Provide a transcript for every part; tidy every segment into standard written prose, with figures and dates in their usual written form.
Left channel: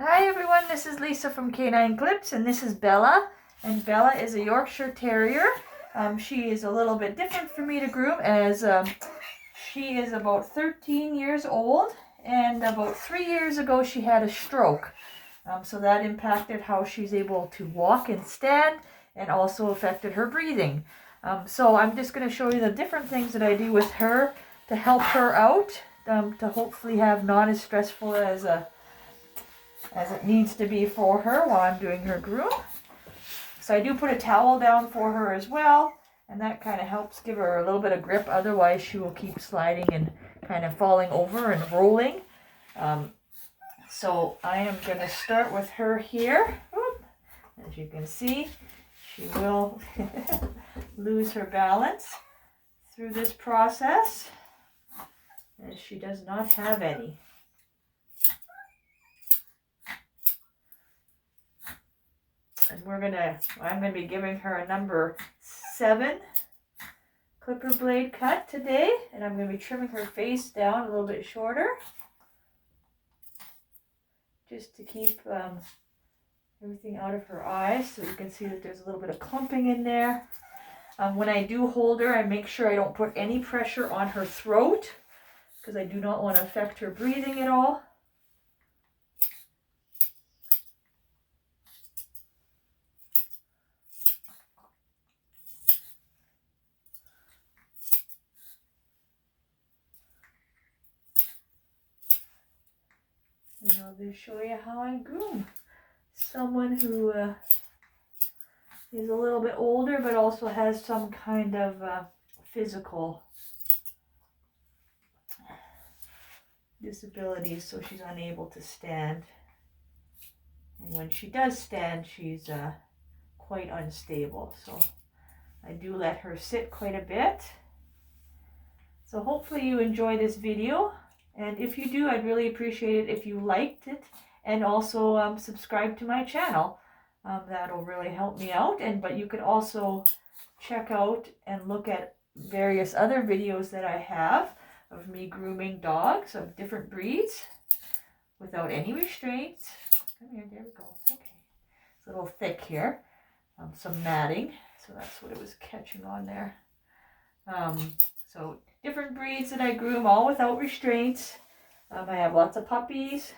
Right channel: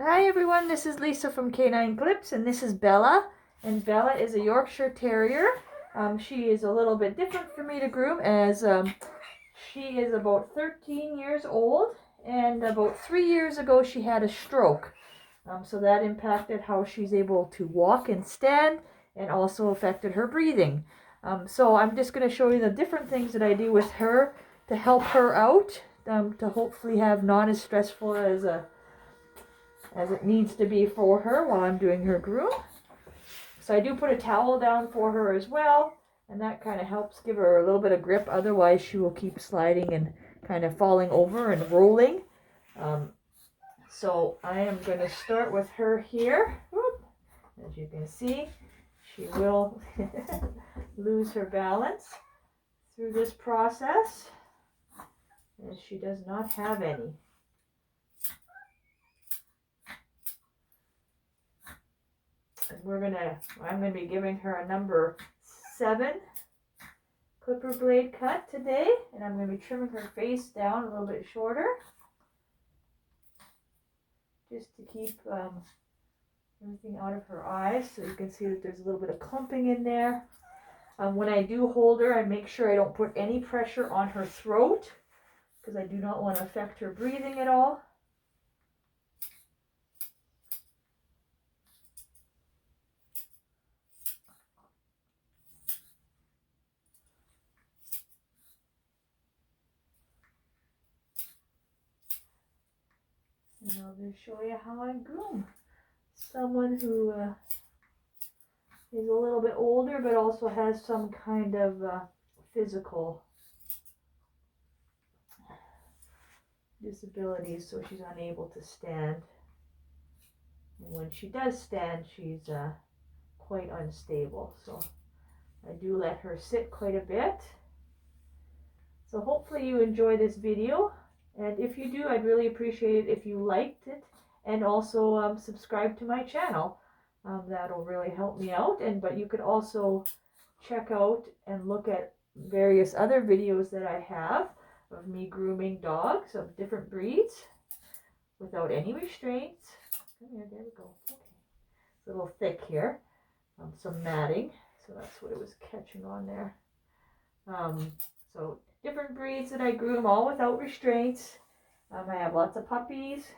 Hi everyone, this is Lisa from Canine Clips, and this is Bella. And Bella is a Yorkshire Terrier. She is a little bit different for me to groom, as she is about 13 years old, and about 3 years ago she had a stroke. So that impacted how she's able to walk and stand, and also affected her breathing. So I'm just going to show you the different things that I do with her to help her out, to hopefully have not as stressful as it needs to be for her while I'm doing her groom. So I do put a towel down for her as well, and that kind of helps give her a little bit of grip. Otherwise, she will keep sliding and kind of falling over and rolling. So I am going to start with her here. As you can see, she will lose her balance through this process, as she does not have any. And I'm gonna be giving her a number 7 clipper blade cut today, and I'm gonna be trimming her face down a little bit shorter, just to keep everything out of her eyes. So you can see that there's a little bit of clumping in there. When I do hold her, I make sure I don't put any pressure on her throat, because I do not want to affect her breathing at all. And I'll just show you how I groom someone who is a little bit older, but also has some kind of physical disabilities, so she's unable to stand. And when she does stand, she's quite unstable. So I do let her sit quite a bit. So hopefully you enjoy this video. And if you do, I'd really appreciate it if you liked it, and also subscribe to my channel. That'll really help me out. But you could also check out and look at various other videos that I have of me grooming dogs of different breeds without any restraints. Come here, there we go. Okay. It's a little thick here. Some matting, so that's what it was catching on there. So different breeds that I groom, all without restraints. I have lots of puppies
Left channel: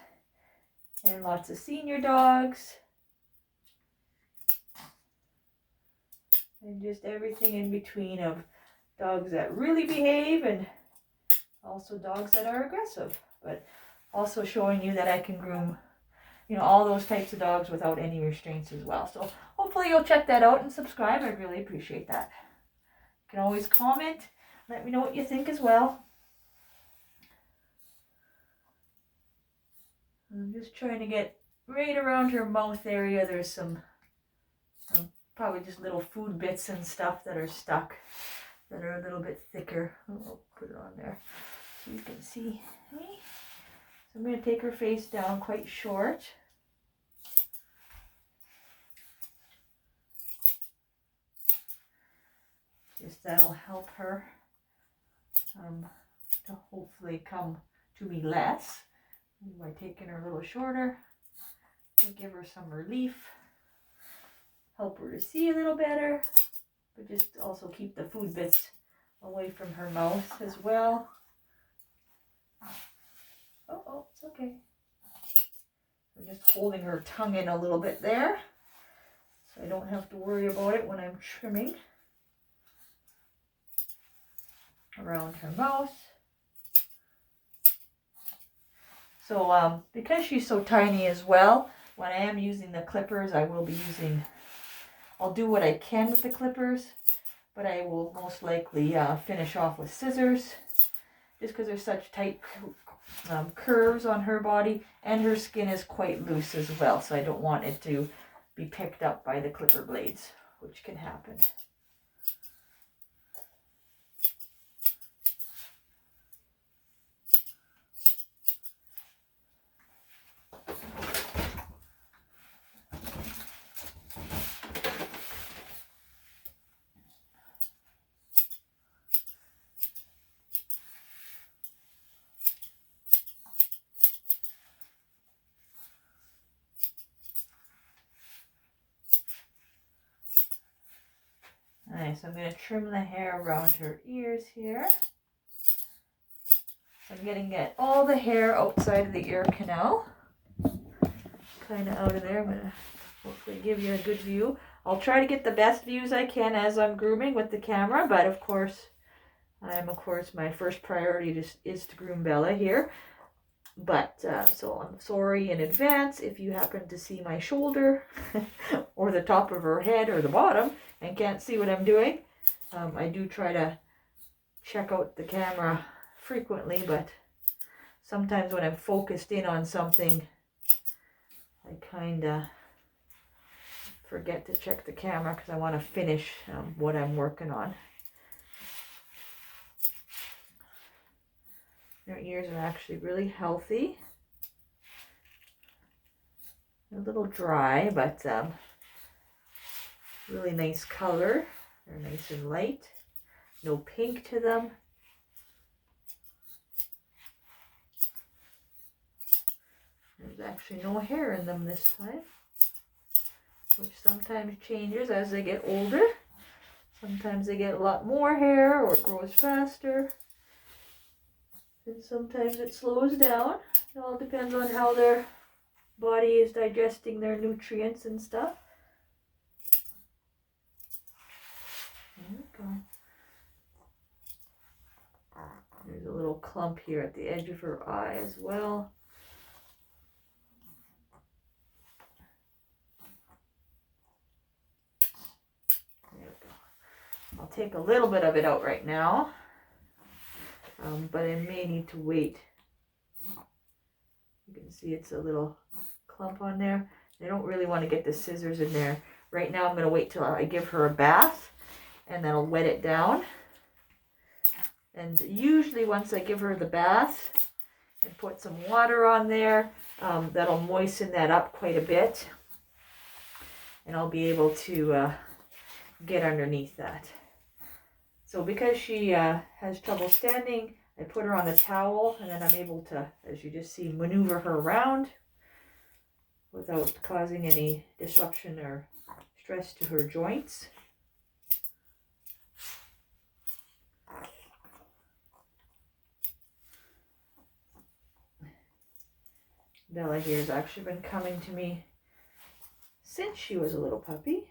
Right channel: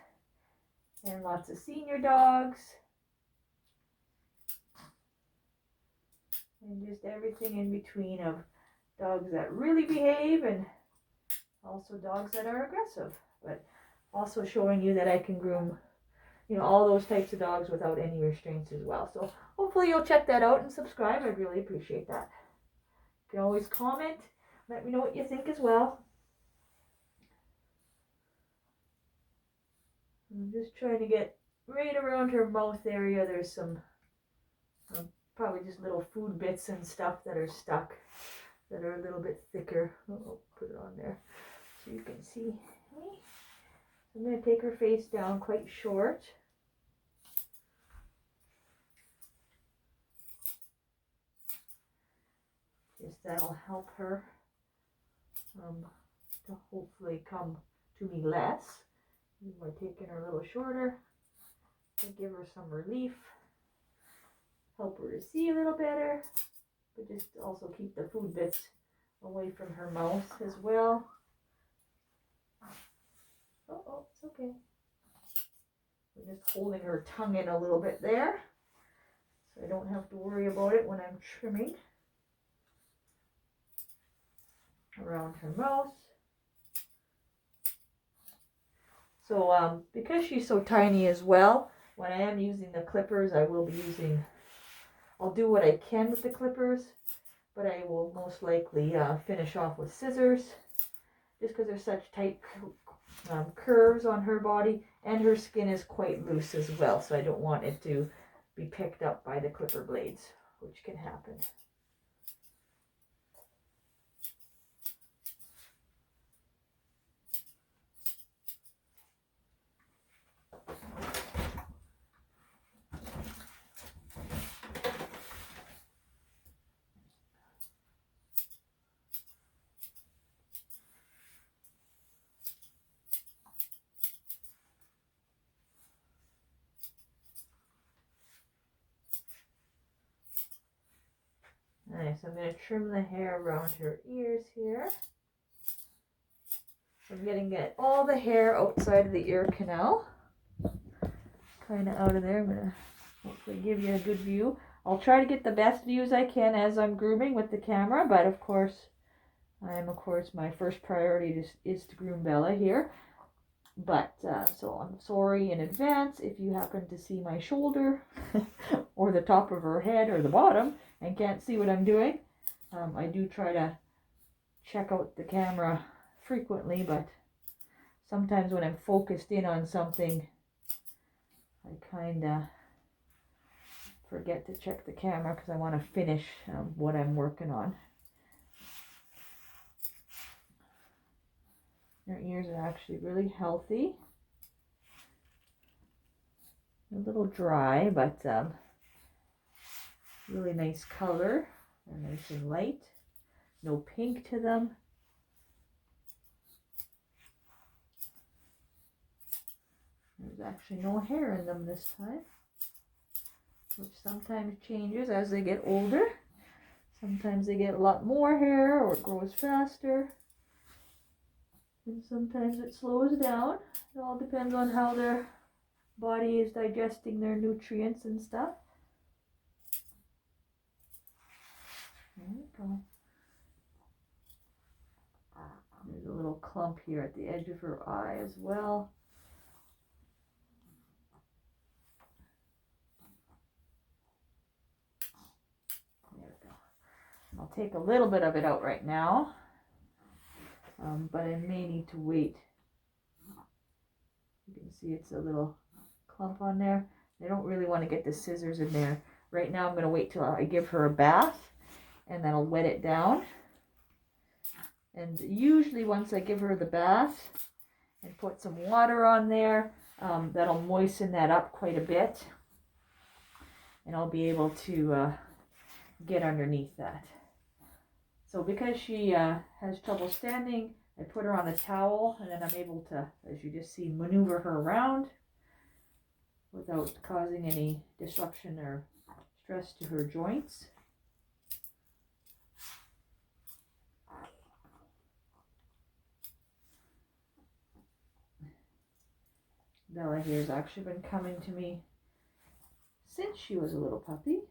and lots of senior dogs, and just everything in between, of dogs that really behave and also dogs that are aggressive, but also showing you that I can groom, all those types of dogs without any restraints as well. So hopefully you'll check that out and subscribe. I'd really appreciate that. You can always comment. Let me know what you think as well. I'm just trying to get right around her mouth area. There's some probably just little food bits and stuff that are stuck, that are a little bit thicker. I'll put it on there so you can see. So I'm going to take her face down quite short. Just that'll help her to hopefully come to me less by taking her a little shorter, to give her some relief, help her to see a little better, but just also keep the food bits away from her mouth as well. Oh, it's okay. We're just holding her tongue in a little bit there, so I don't have to worry about it when I'm trimming around her mouth. So because she's so tiny as well, when I am using the clippers, I'll do what I can with the clippers, but I will most likely finish off with scissors, just because there's such tight curves on her body, and her skin is quite loose as well, so I don't want it to be picked up by the clipper blades, which can happen. Alright, so I'm going to trim the hair around her ears here. So I'm getting all the hair outside of the ear canal. Kind of out of there. I'm going to hopefully give you a good view. I'll try to get the best views I can as I'm grooming with the camera, but of course, my first priority is to groom Bella here. But, so I'm sorry in advance if you happen to see my shoulder or the top of her head or the bottom and can't see what I'm doing. I do try to check out the camera frequently, but sometimes when I'm focused in on something, I kind of forget to check the camera because I want to finish what I'm working on. Their ears are actually really healthy. A little dry, but really nice color. They're nice and light. No pink to them. There's actually no hair in them this time, which sometimes changes as they get older. Sometimes they get a lot more hair or it grows faster. And sometimes it slows down. It all depends on how their body is digesting their nutrients and stuff. There we go. There's a little clump here at the edge of her eye as well. There we go. I'll take a little bit of it out right now. But I may need to wait. You can see it's a little clump on there. I don't really want to get the scissors in there. Right now I'm going to wait till I give her a bath and then I'll wet it down. And usually once I give her the bath and put some water on there, that'll moisten that up quite a bit. And I'll be able to get underneath that. So because she has trouble standing, I put her on the towel and then I'm able to, as you just see, maneuver her around without causing any disruption or stress to her joints. Bella here has actually been coming to me since she was a little puppy.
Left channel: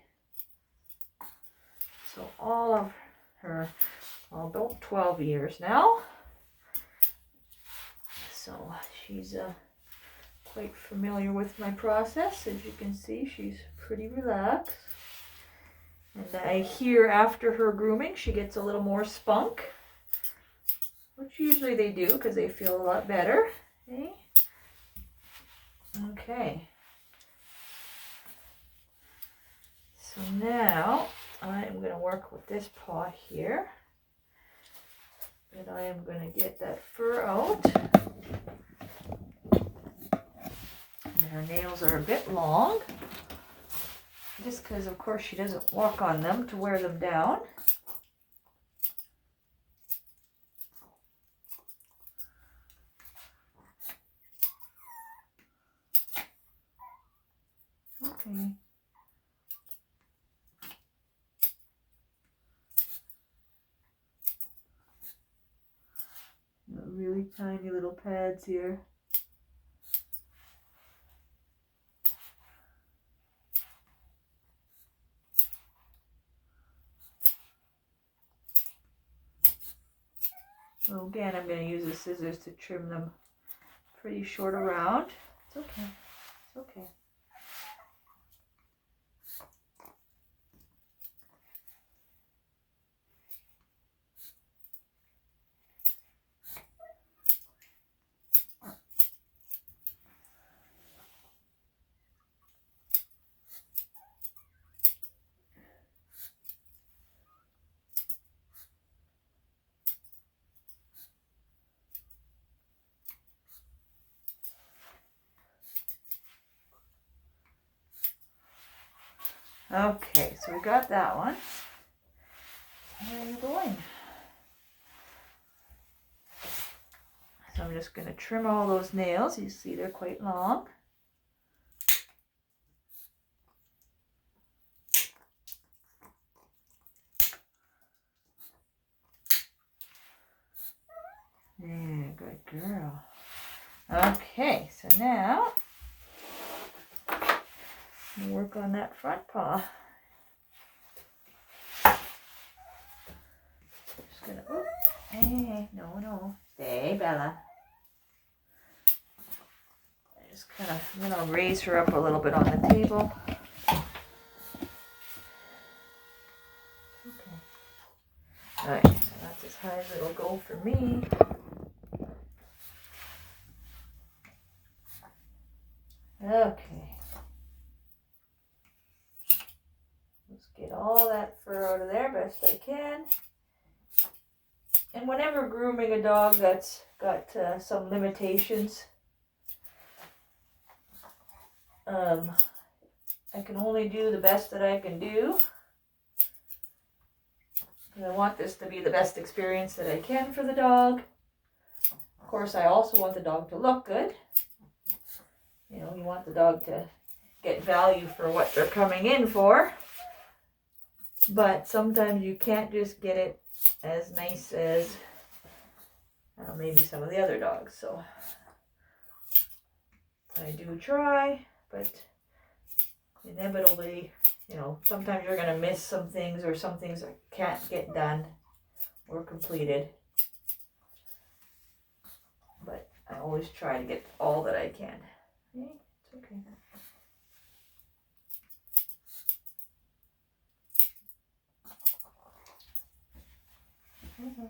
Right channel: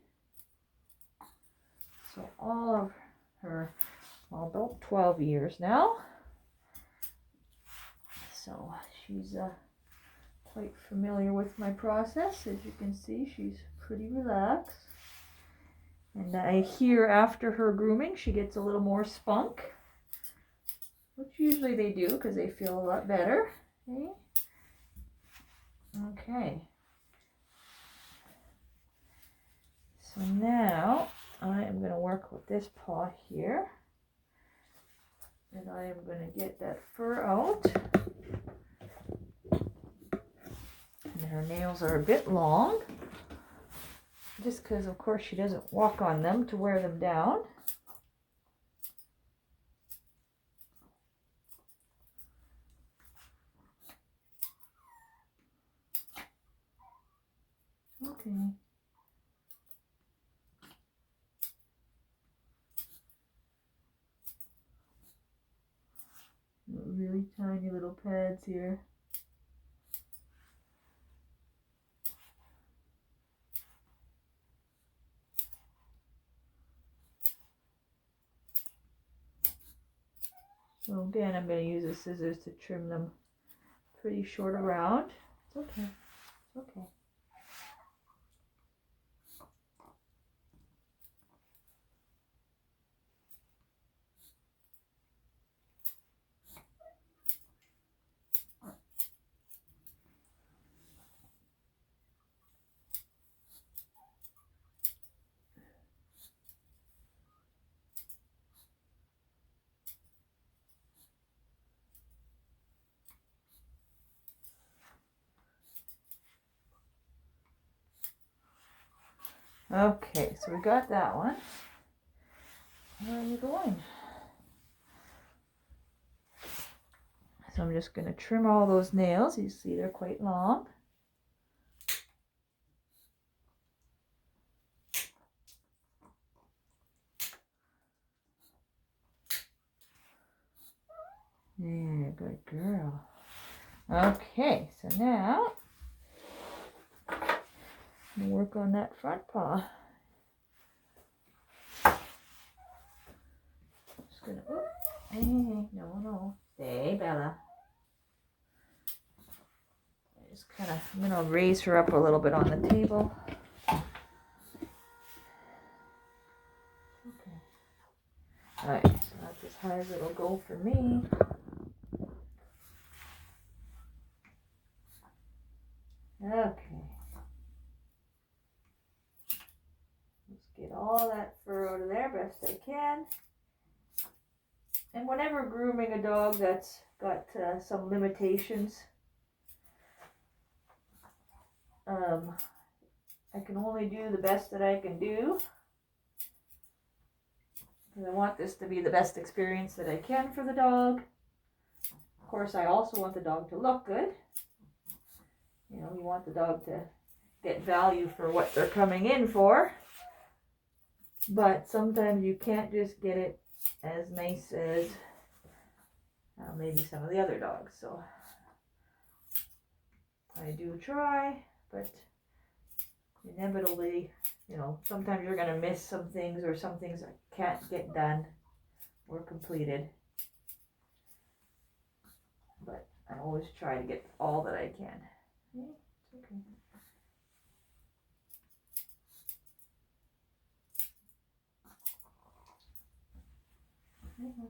So all of her, well, about 12 years now. So she's quite familiar with my process. As you can see, she's pretty relaxed. And I hear after her grooming, she gets a little more spunk, which usually they do because they feel a lot better. Okay. Okay. So now I am going to work with this paw here. And I am going to get that fur out. And her nails are a bit long. Just because, of course, she doesn't walk on them to wear them down. Okay. Really tiny little pads here. So again, I'm going to use the scissors to trim them pretty short around. It's okay. It's okay. Okay, so we got that one. Where are you going? So I'm just going to trim all those nails. You see they're quite long. Okay, so now we'll work on that front paw. Just gonna, oh, hey, no, stay, Bella. I'm gonna raise her up a little bit on the table. Okay. Alright, so that's as high as it'll go for me. Okay. Let's get all that fur out of there best I can. And whenever grooming a dog that's got some limitations, I can only do the best that I can do. I want this to be the best experience that I can for the dog. Of course, I also want the dog to look good. You know, you want the dog to get value for what they're coming in for. But sometimes you can't just get it as nice as maybe some of the other dogs. So I do try, but inevitably, you know, sometimes you're going to miss some things, or some things that can't get done or completed. But I always try to get all that I can. Okay, it's okay. Mm-hmm.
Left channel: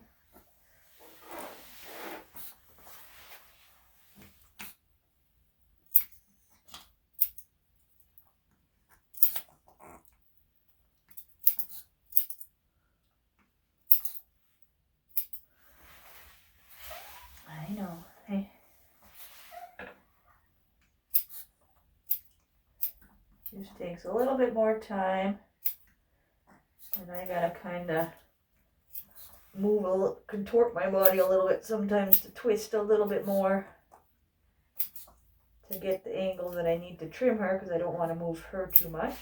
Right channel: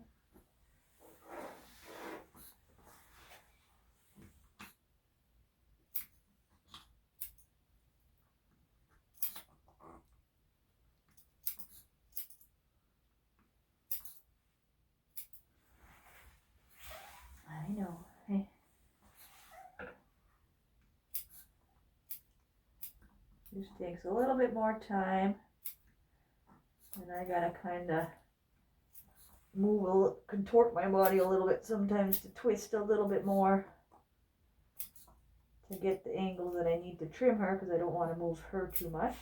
I know. Hey. Just takes a little bit more time, and I gotta kind of contort my body a little bit sometimes to twist a little bit more to get the angle that I need to trim her, because I don't want to move her too much.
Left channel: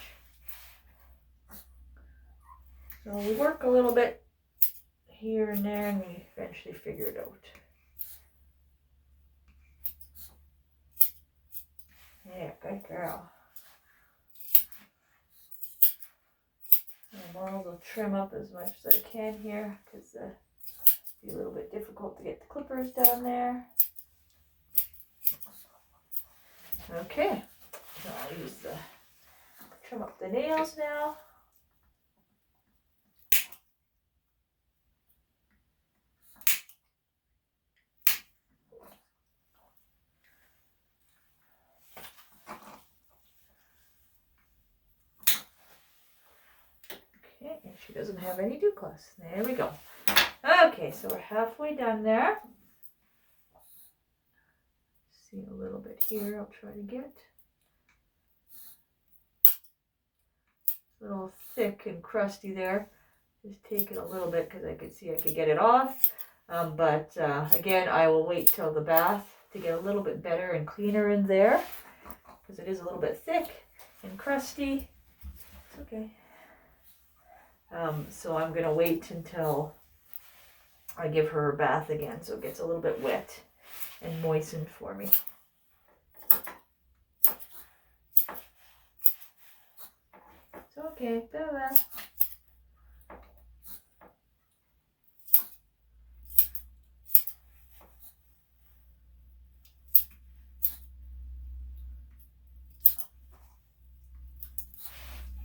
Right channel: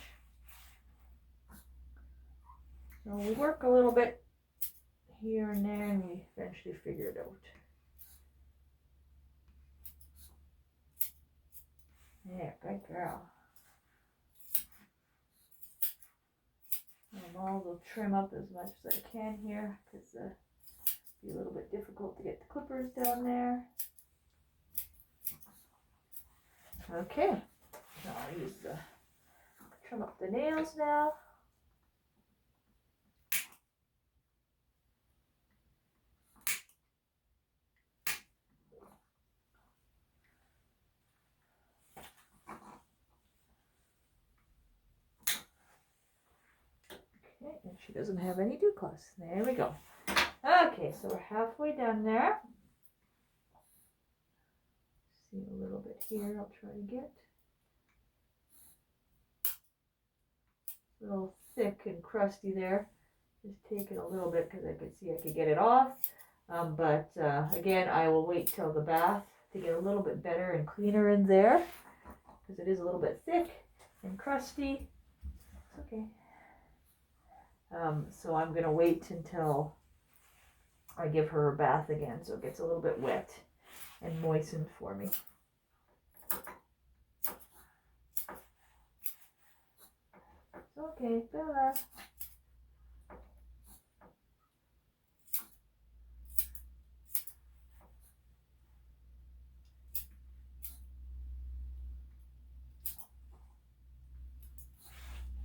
So we work a little bit here and there, and we eventually figure it out. Yeah, good girl. I will trim up as much as I can here, because it'll be a little bit difficult to get the clippers down there. Okay, so I'll use trim up the nails now. Okay, and she doesn't have any dew claws. There we go. Okay, so we're halfway done there. See a little bit here, I'll try to get. It's a little thick and crusty there. Just take it a little bit because I could see I could get it off. But again, I will wait till the bath to get a little bit better and cleaner in there, because it is a little bit thick and crusty. It's okay. So I'm going to wait until I give her a bath again, so it gets a little bit wet and moistened for me. It's okay, Bella.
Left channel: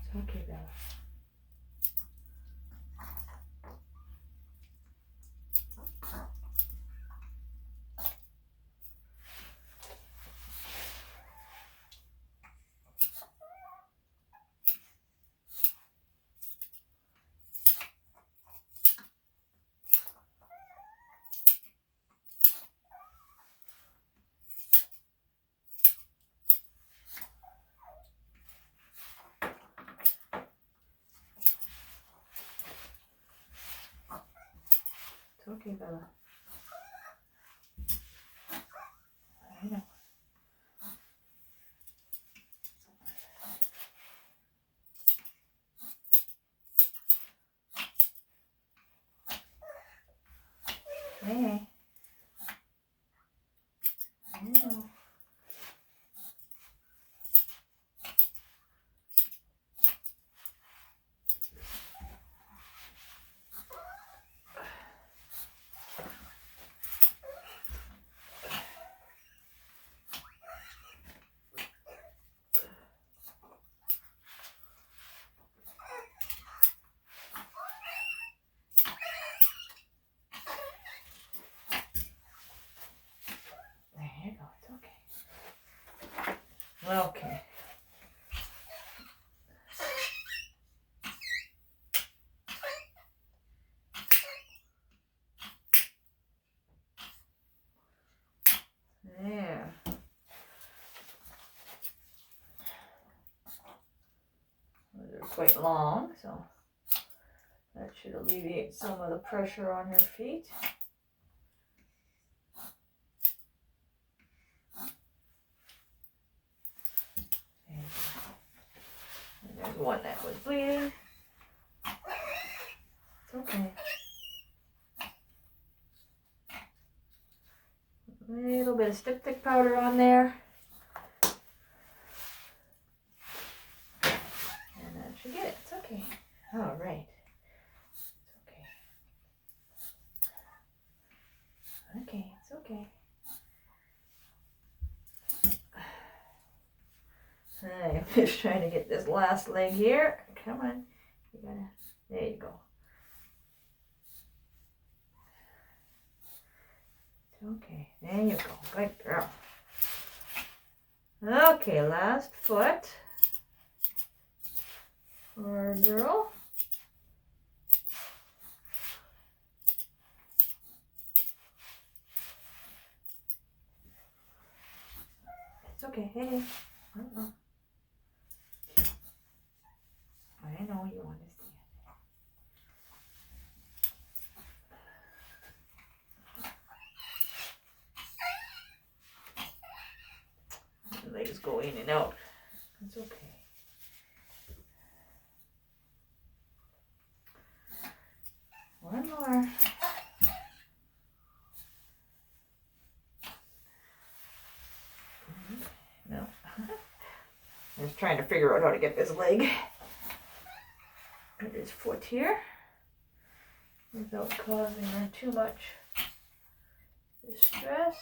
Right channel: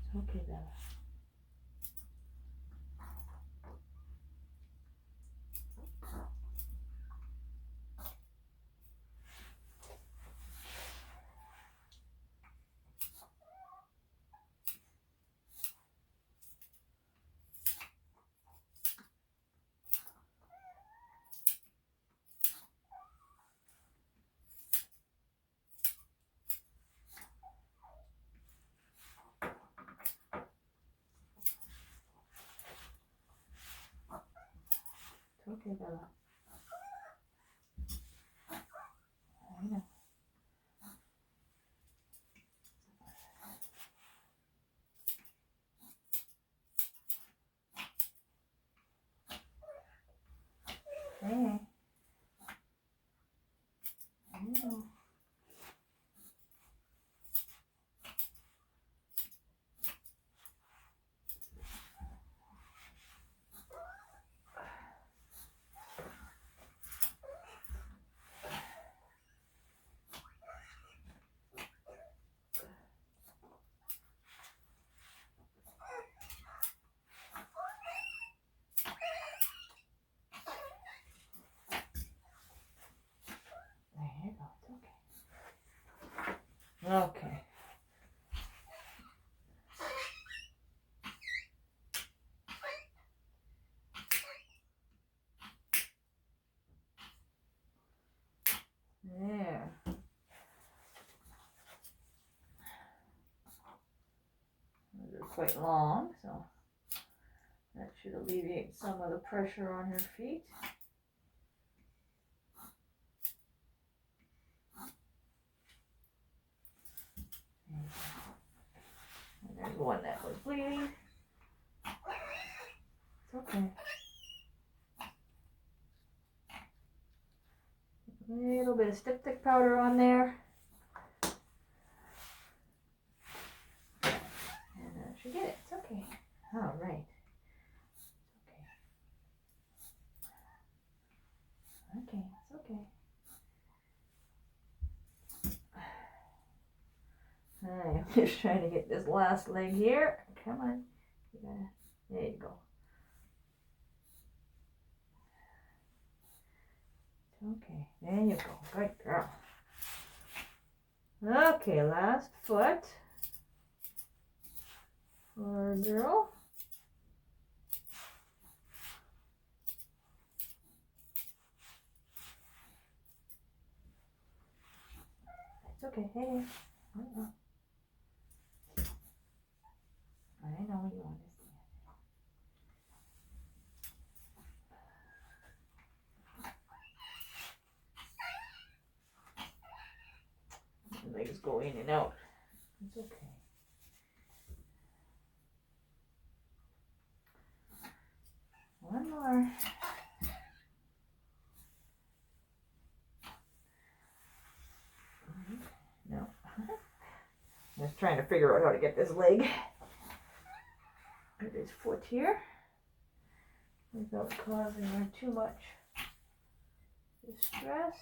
It's okay, Bella. It's okay, Bella. I know. Hey. I know. Okay. There. They're quite long, so that should alleviate some of the pressure on her feet. And there's one that was bleeding. It's okay. A little bit of styptic powder on there. And that should get it. It's okay. All right. It's okay. Okay, it's okay. I'm just trying to get this last leg here. Come on. You gotta, there you go. Okay, there you go. Good girl. Okay, last foot for our girl. It's okay. Hey. I know you understand. The legs go in and out. It's okay. One more. No. Just trying to figure out how to get this leg. Get his foot here without causing her too much distress.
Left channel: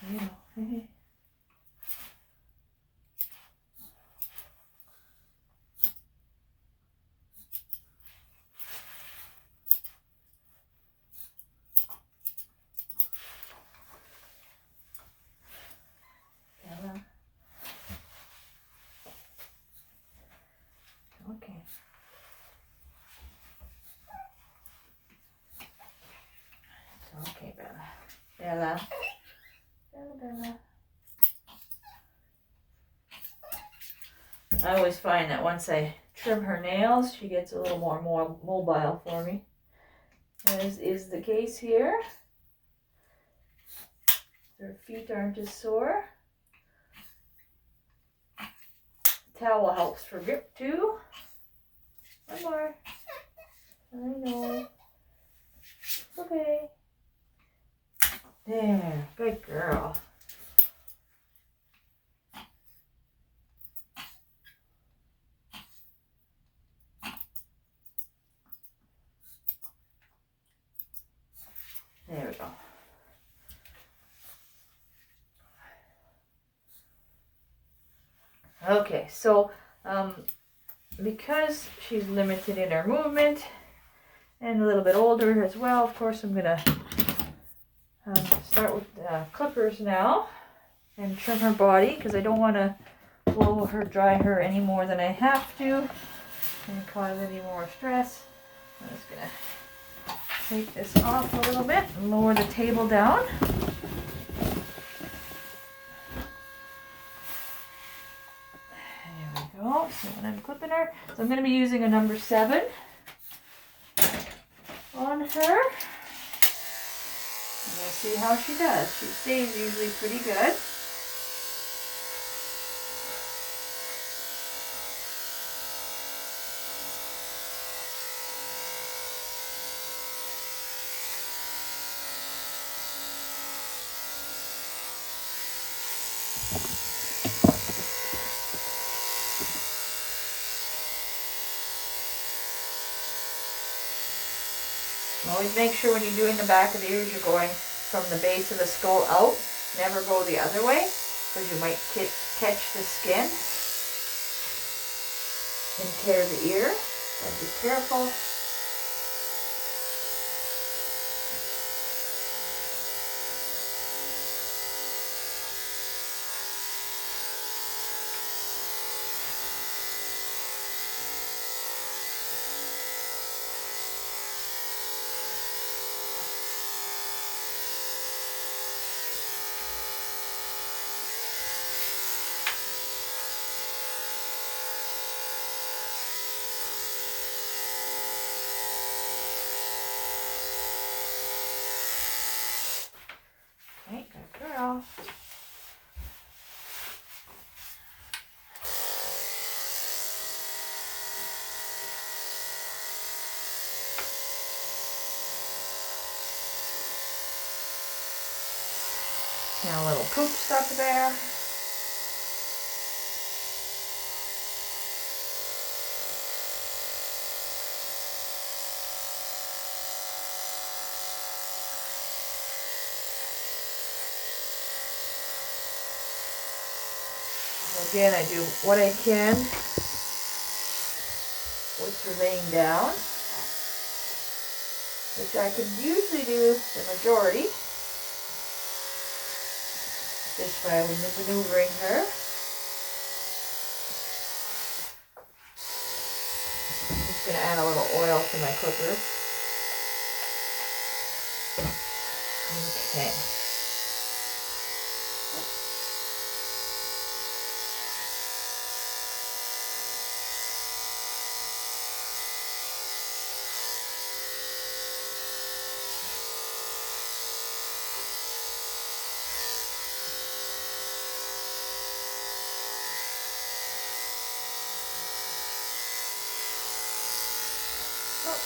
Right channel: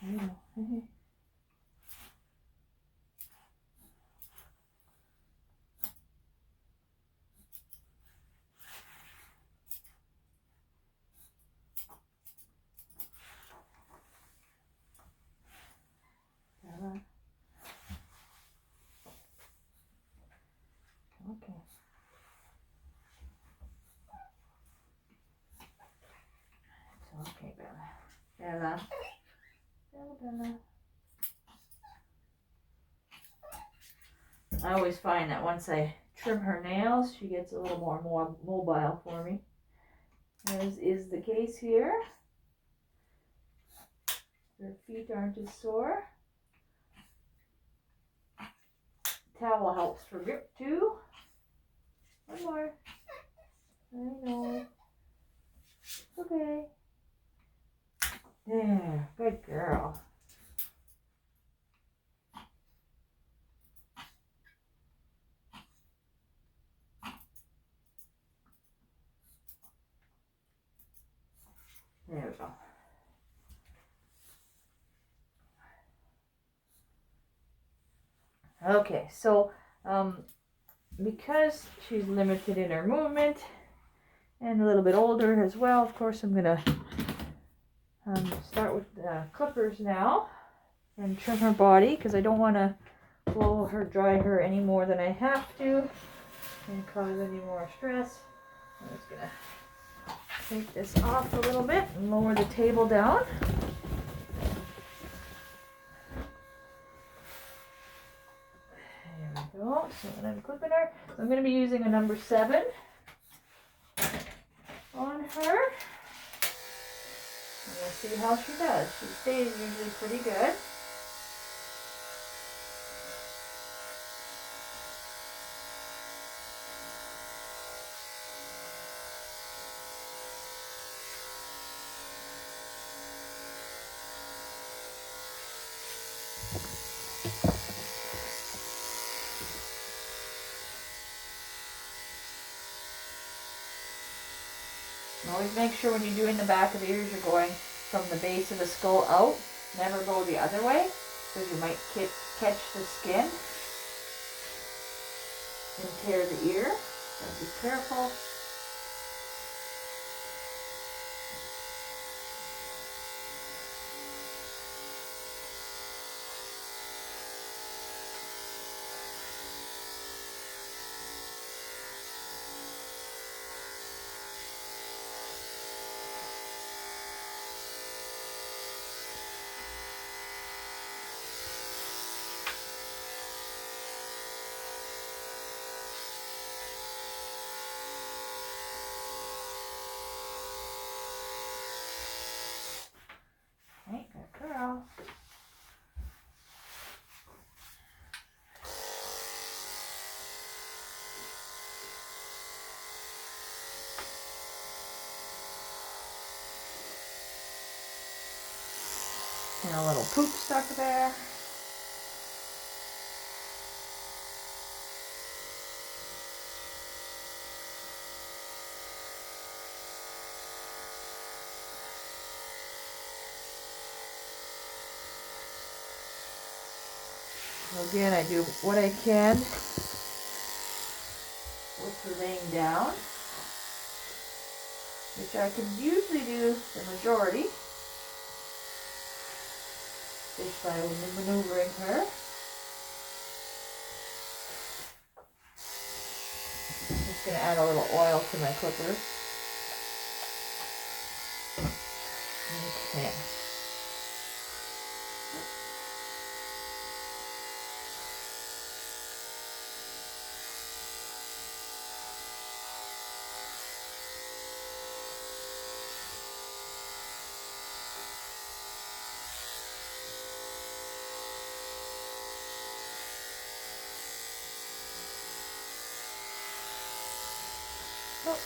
There you go. Okay. It's okay, Bella. Bella. Bella. I always find that once I trim her nails, she gets a little more mobile for me. As is the case here. Her feet aren't as sore. Towel helps for grip too. One more. I know. Okay. There. Good girl. There we go. Okay, so because she's limited in her movement and a little bit older as well, of course I'm gonna start with clippers now and trim her body because I don't want to blow her, dry her any more than I have to and cause any more stress. I'm just gonna take this off a little bit and lower the table down. There we go. So when I'm clipping her, so I'm going to be using a number 7 on her. And we'll see how she does. She stays usually pretty good. Always make sure when you're doing the back of the ears, you're going from the base of the skull out. Never go the other way, because you might catch the skin. So I'm just going to take this off a little bit and lower the table down. And there we go. So when I'm clipping her, I'm going to be using a number 7 on her. And we'll see how she does. She stays usually pretty good. So always make sure when you're doing the back of the ears, you're going from the base of the skull out. Never go the other way, because you might catch the skin. and tear the ear. Gotta be careful. Okay, good girl. And a little poop stuck there. Again, I do what I can with her laying down, which I can usually do the majority just by maneuvering her. I'm just going to add a little oil to my cooker. Okay.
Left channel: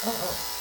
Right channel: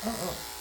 Oh.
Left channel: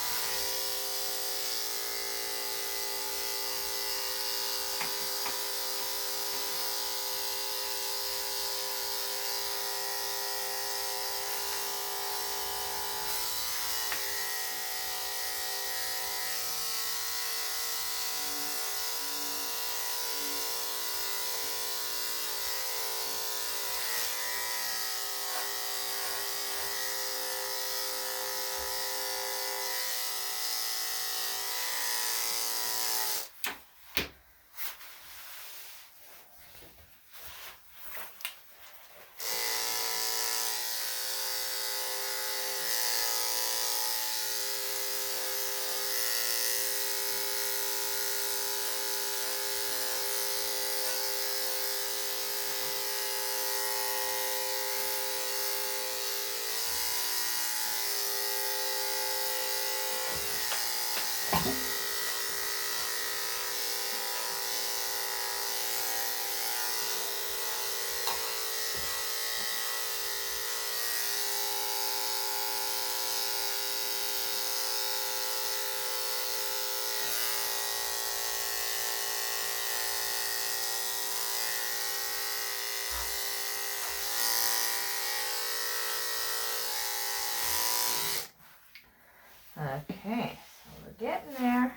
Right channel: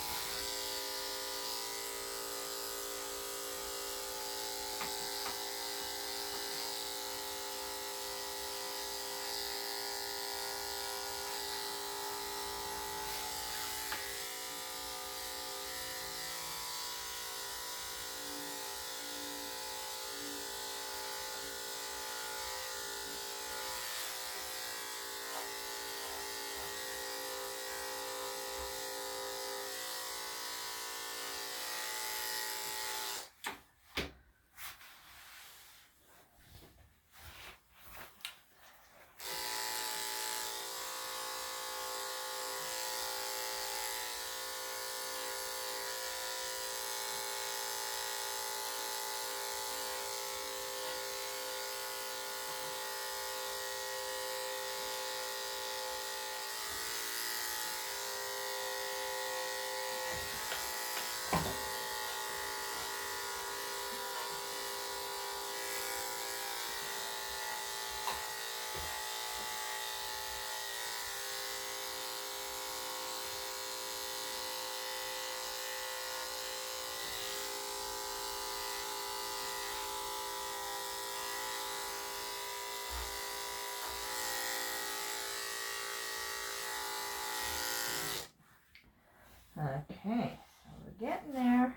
Okay, so we're getting there.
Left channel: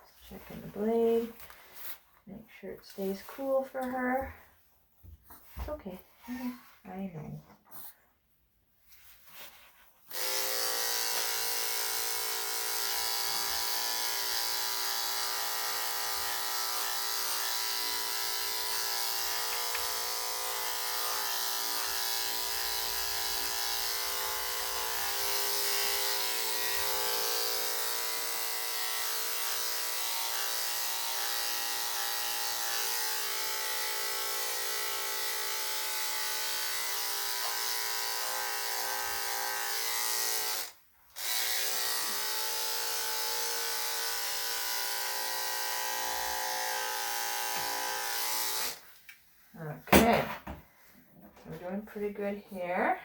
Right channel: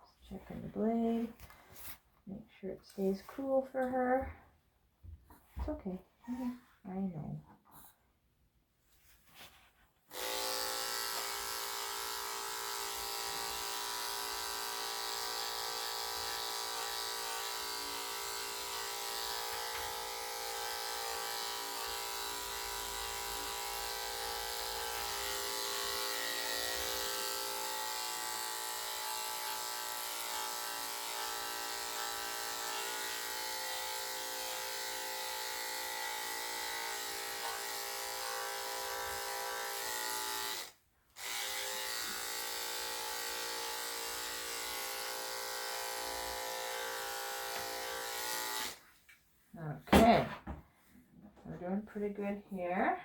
Just checking the blade. Make sure it stays cool for her. It's okay. I know. Okay, we're doing pretty good here.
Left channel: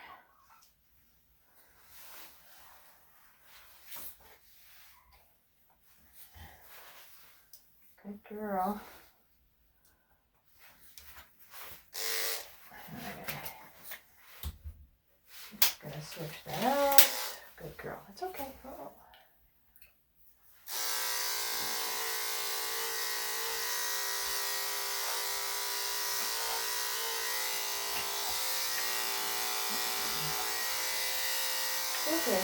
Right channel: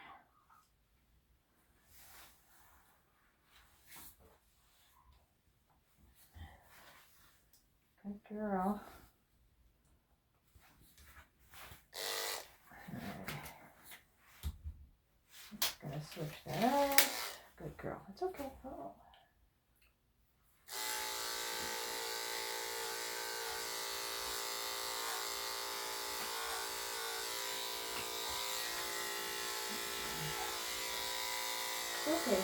Good girl. Just gonna switch that out. Good girl. It's okay. Oh. Okay.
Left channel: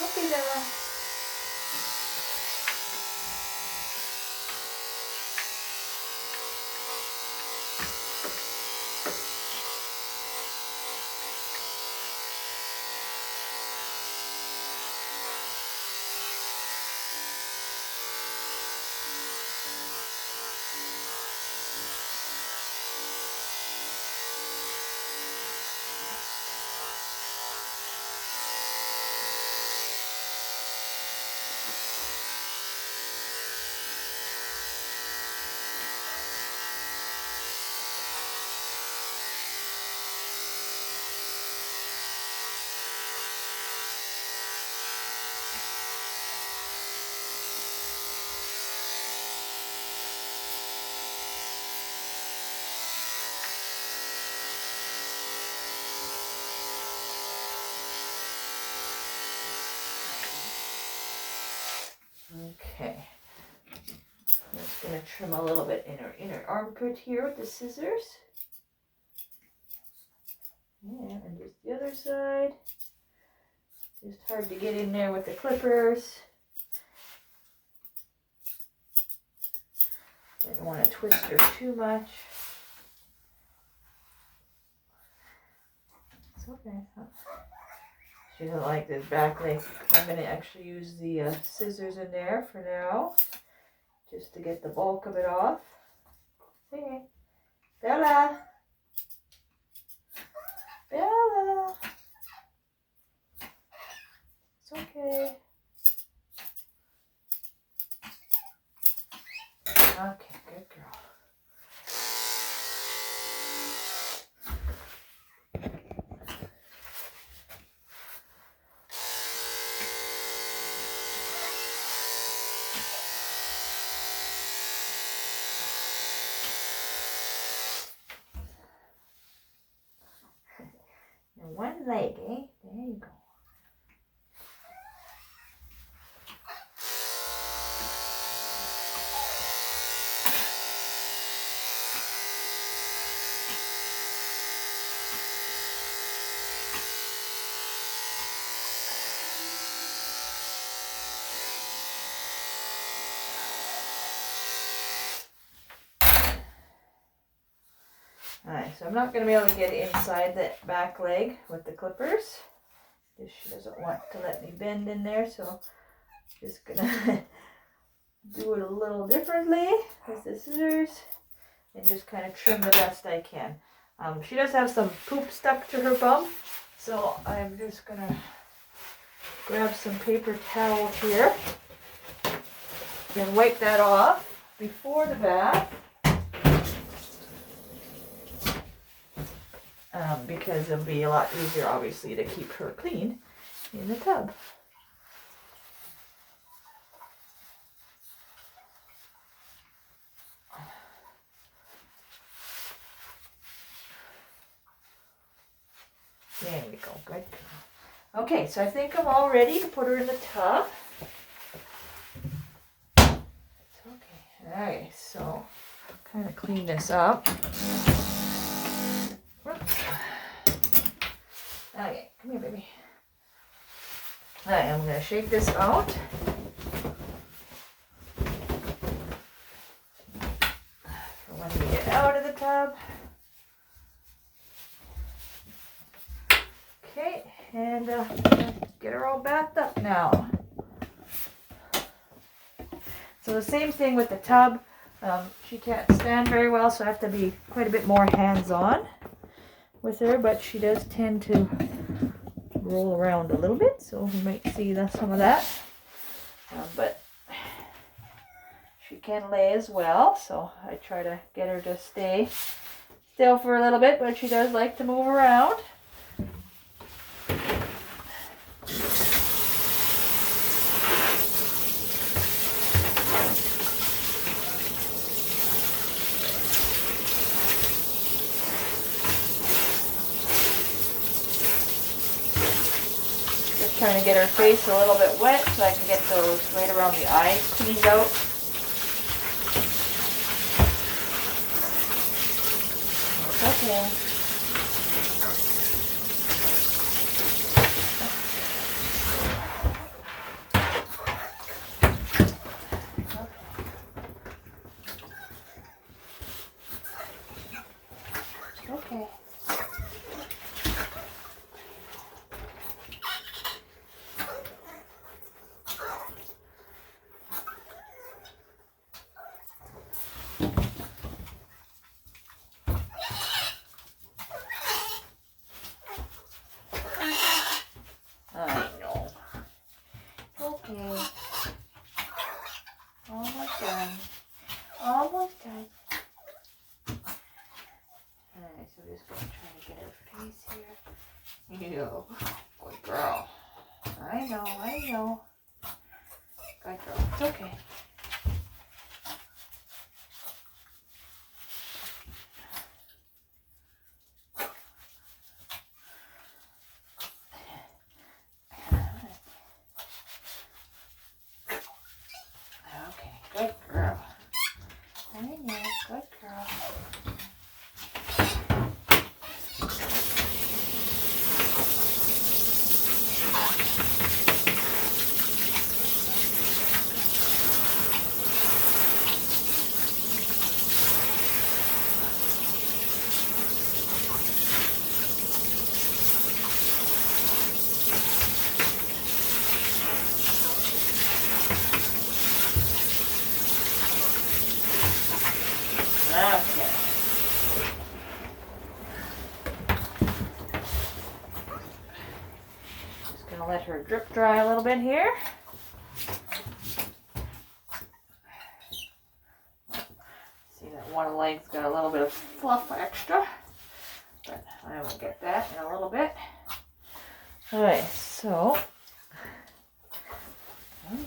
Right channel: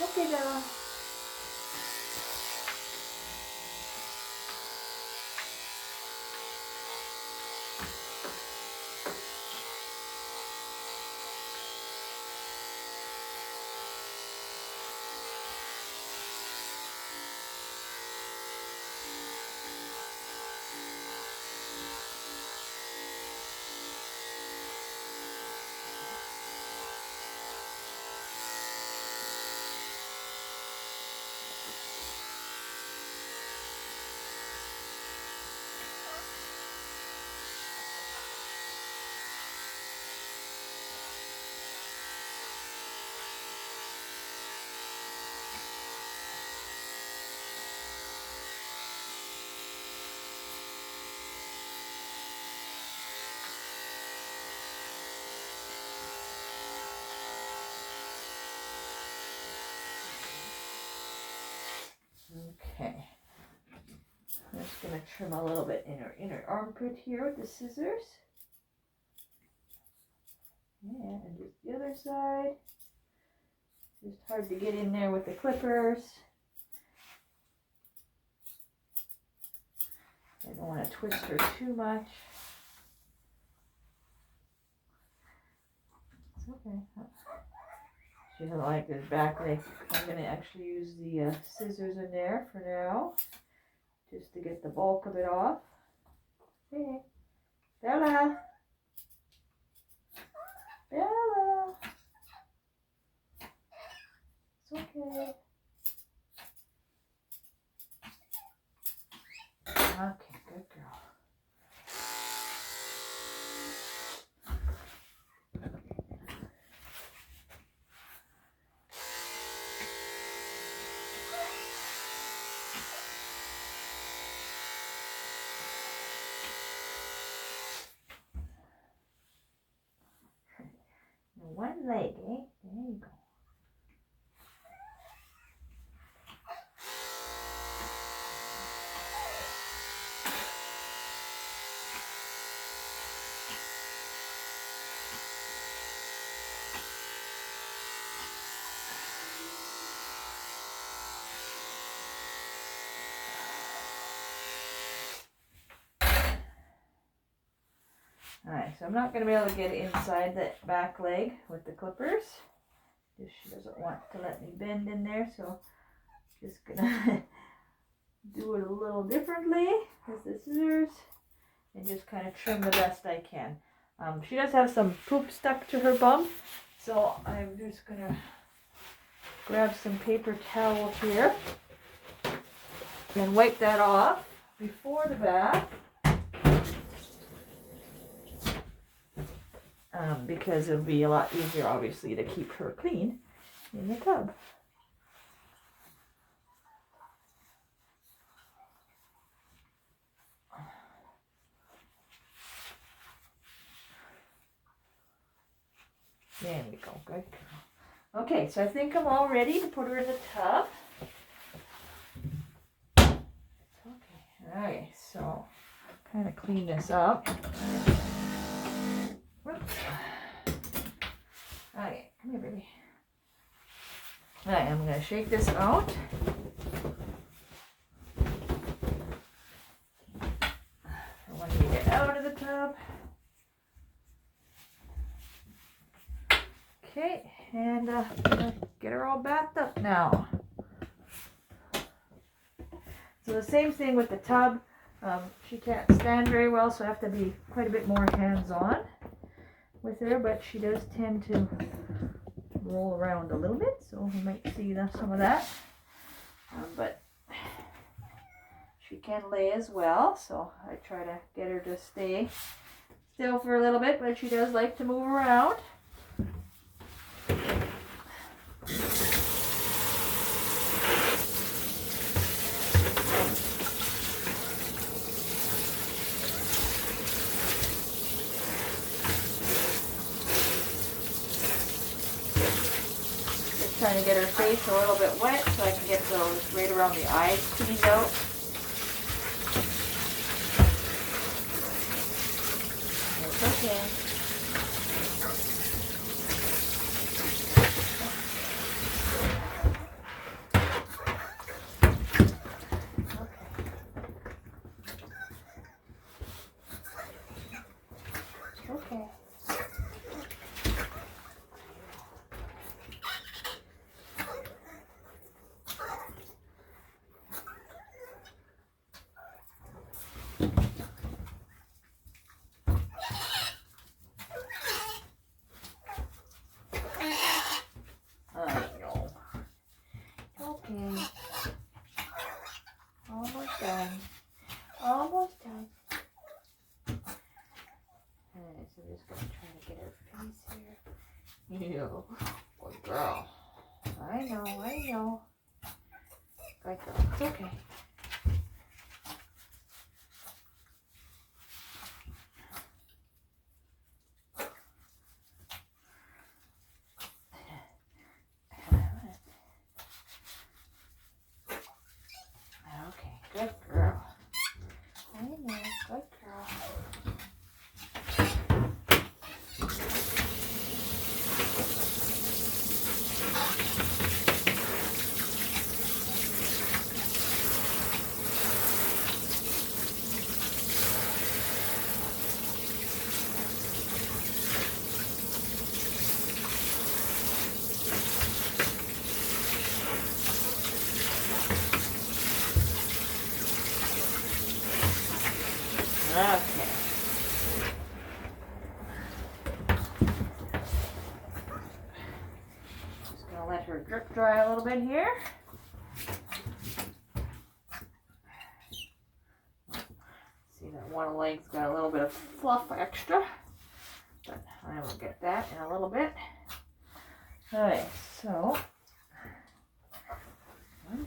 Okay, Bella. Okay. I'm just going to trim a little bit in her inner armpit here with the scissors. Yeah, and just the other side. Just hard to get in there with the clippers. I don't want to twist her too much. It's okay. She doesn't like this back leg. I'm going to actually use the scissors in there for now, just to get the bulk of it off. Hey, Bella. Bella. It's okay. Okay, good girl. Now one leg, eh? There you go. Alright, so I'm not going to be able to get inside that back leg with the clippers. She doesn't want to let me bend in there, so I'm just going to do it a little differently with the scissors and just kind of trim the best I can. She does have some poop stuck to her bum, so I'm just going to grab some paper towel here and wipe that off before the bath. Because it'll be a lot easier, obviously, to keep her clean in the tub. There we go, good. Okay, so I think I'm all ready to put her in the tub. Okay, alright, so kind of clean this up. Whoops. Okay, come here, baby. Alright, I'm going to shake this out. For when we get out of the tub. Okay, and get her all bathed up now. So the same thing with the tub. She can't stand very well, so I have to be quite a bit more hands-on with her, but she does tend to roll around a little bit, so you might see some of that. But she can lay as well, so I try to get her to stay still for a little bit, but she does like to move around. Trying to get her face a little bit wet so I can get those right around the eyes cleaned out. Okay. You. Good girl. I know, I know. Good girl. It's okay. Okay, good girl. I know, good girl. Okay. Just gonna let her drip dry a little bit here. See that one leg's got a little bit of fluff extra, but I will get that in a little bit. Alright, so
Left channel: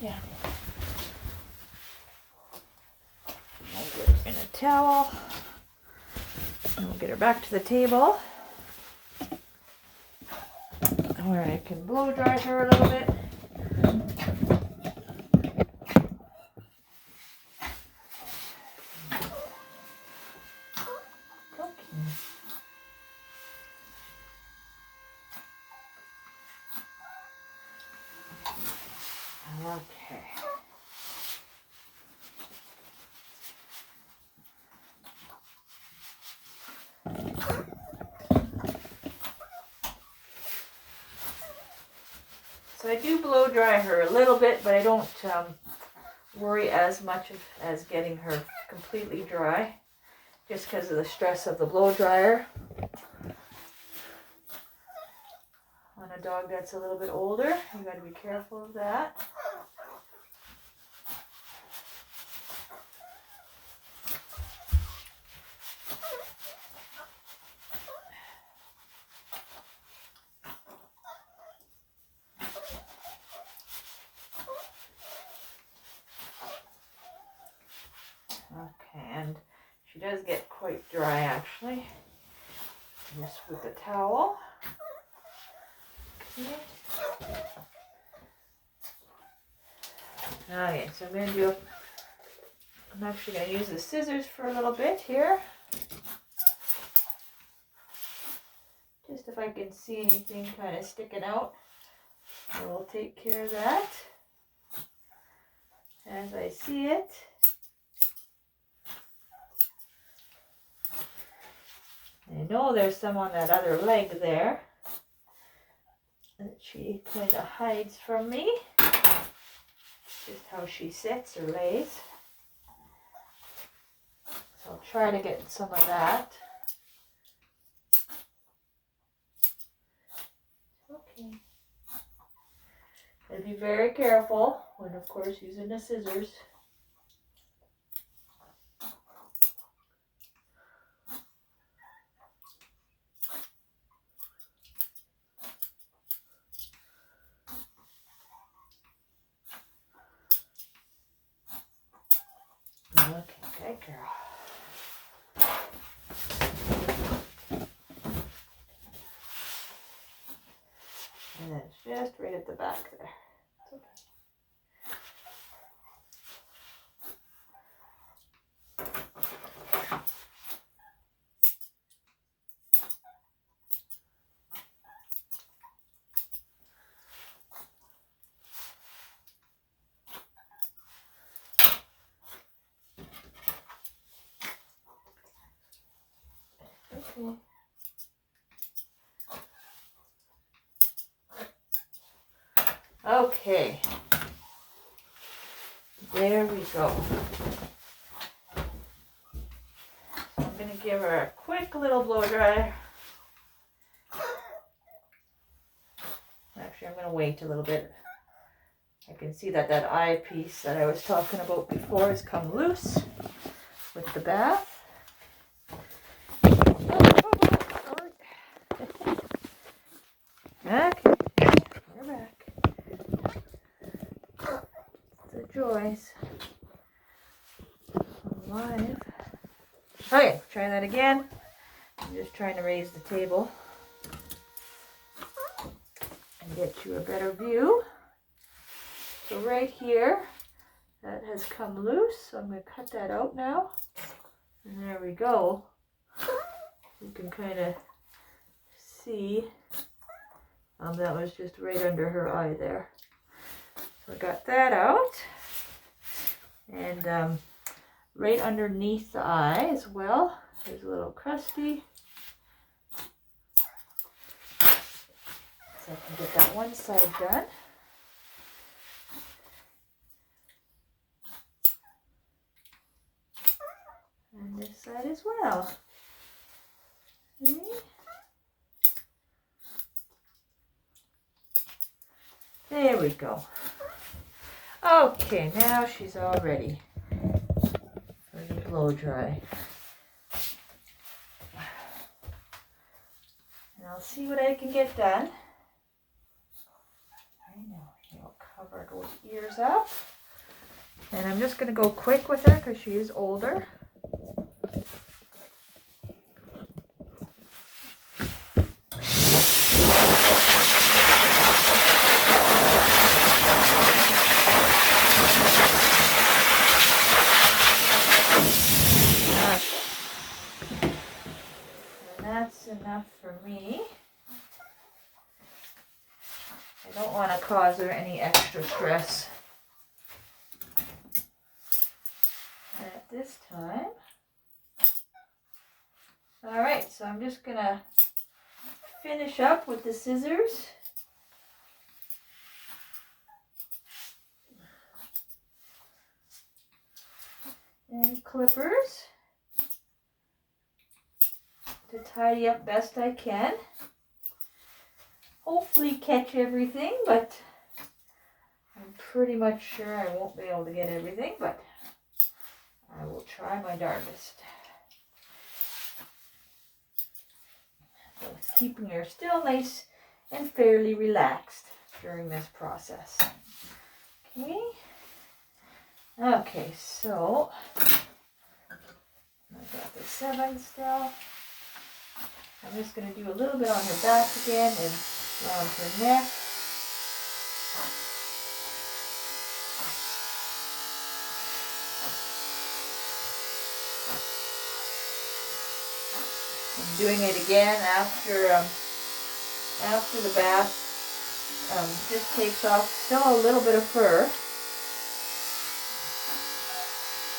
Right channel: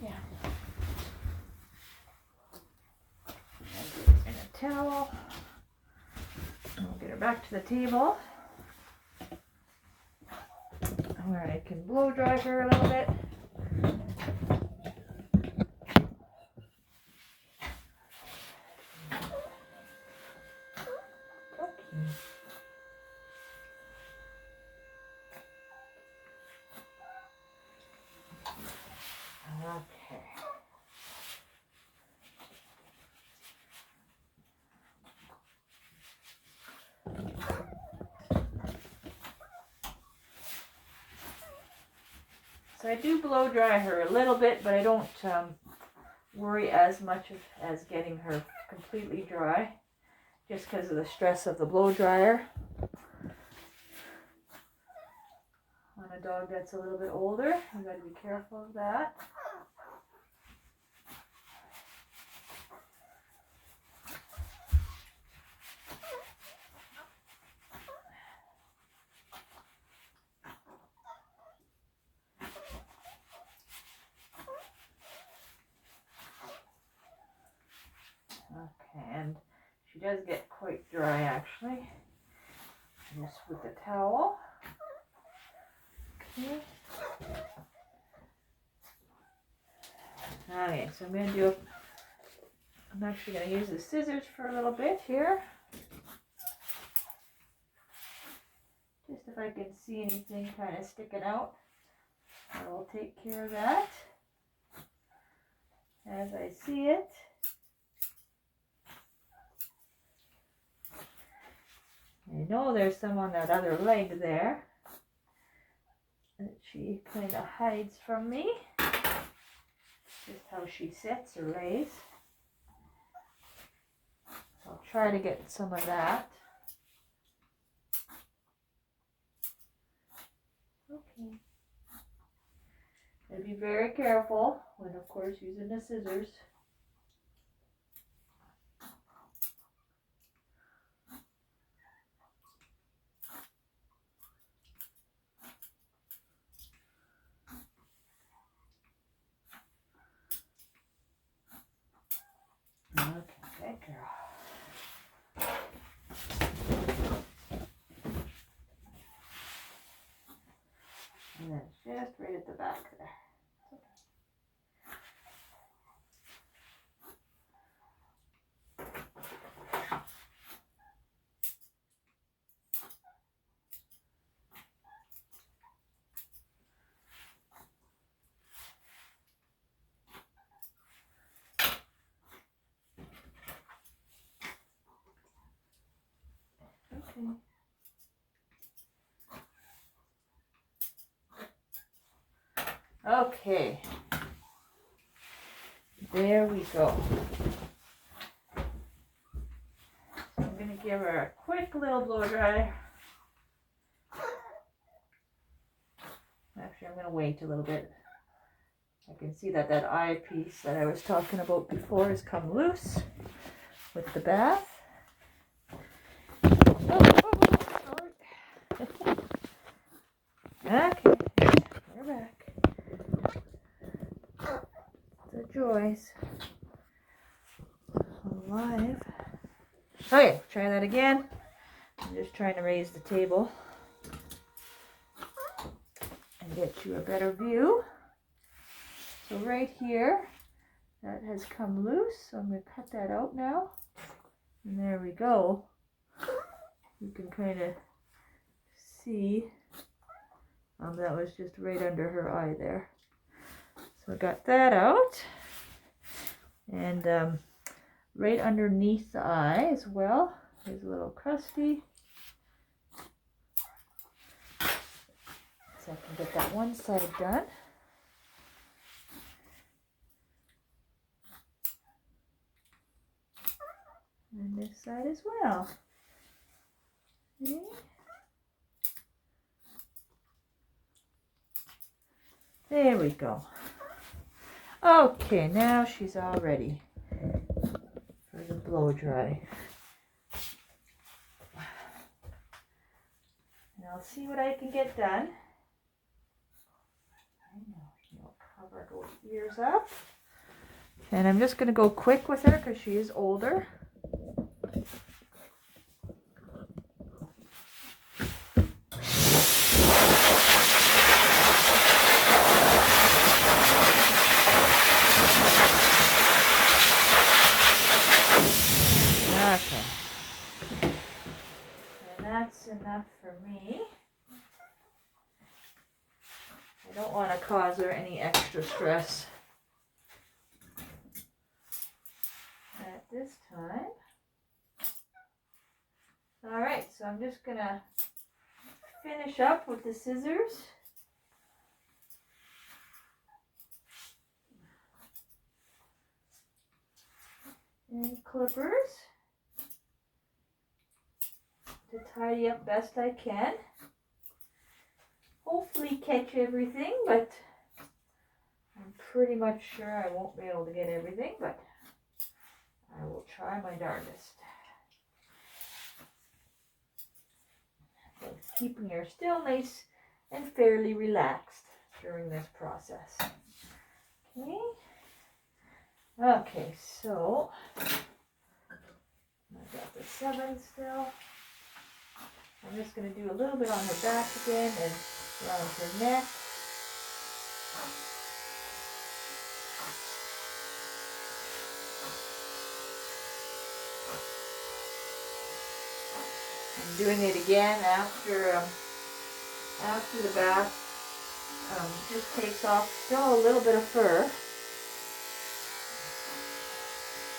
yeah. I'll get her in a towel. And we'll get her back to the table where I can blow dry her a little bit. Okay. So I do blow dry her a little bit, but I don't worry as much as getting her completely dry, just because of the stress of the blow dryer on a dog that's a little bit older. You got to be careful of that. Okay, and she does get quite dry actually. Just with the towel. Okay. Okay, so I'm actually going to use the scissors for a little bit here. Just if I can see anything kind of sticking out, I will take care of that as I see it. I know there's some on that other leg there that she kind of hides from me. Just how she sits or lays. So I'll try to get some of that. Okay. And be very careful when, of course, using the scissors. Okay, good girl. And then it's just right at the back there. Okay. Okay. There we go. I'm going to give her a quick little blow dry. Actually, I'm going to wait a little bit. I can see that that eyepiece that I was talking about before has come loose with the bath. Okay, we're back. The joys of life. Okay, try that again. I'm just trying to raise the table and get you a better view. So right here, that has come loose. So I'm going to cut that out now. And there we go. You can kind of see that was just right under her eye there. So I got that out. And right underneath the eye as well, there's a little crusty. So I can get that one side done. And this side as well. Okay. There we go. Okay, now she's all ready for the blow dry. And I'll see what I can get done. I know, I'll cover those ears up. And I'm just going to go quick with her because she is older. Enough for me. I don't want to cause her any extra stress at this time. Alright, so I'm just going to finish up with the scissors. And clippers to tidy up best I can. Hopefully catch everything, but I'm pretty much sure I won't be able to get everything, but I will try my darndest. So keeping her still nice and fairly relaxed during this process. Okay. Okay, so I've got the 7 still. I'm just going to do a little bit on her back again and around her neck. I'm doing it again after the bath. Just takes off still a little bit of fur.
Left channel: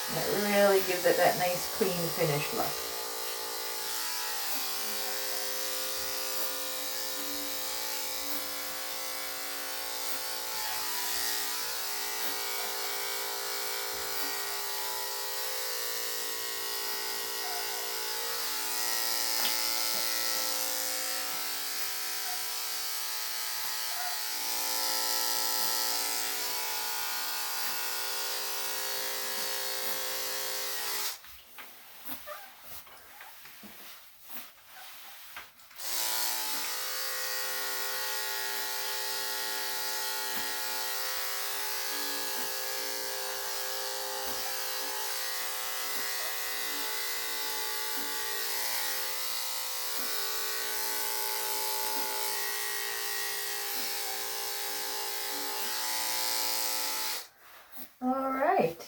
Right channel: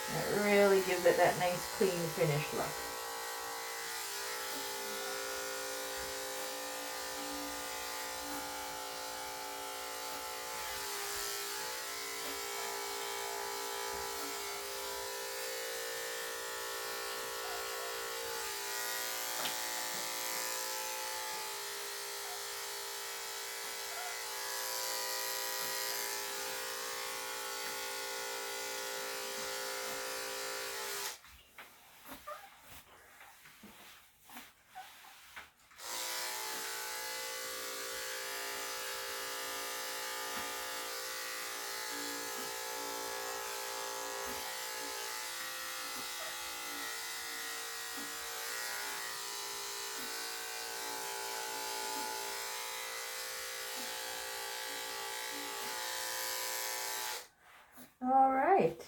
And it really gives it that nice clean finish look. All right.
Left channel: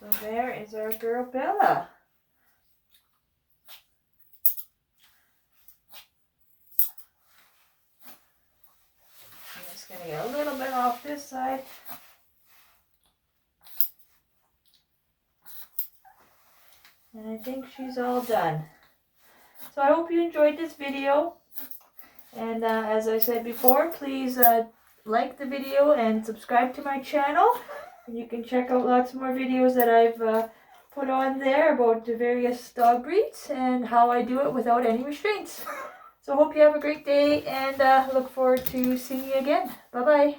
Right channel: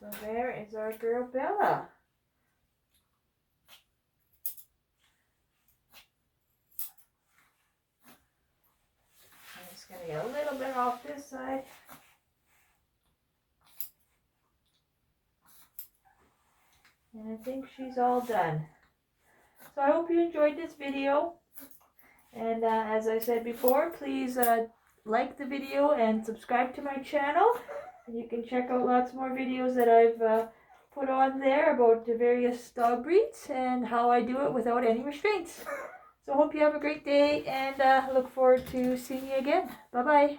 So there is our girl Bella. I'm just going to get a little bit off this side. And I think she's all done. So I hope you enjoyed this video. And as I said before, please like the video and subscribe to my channel. And you can check out lots more videos that I've put on there about the various dog breeds and how I do it without any restraints. So I hope you have a great day and look forward to seeing you again. Bye-bye.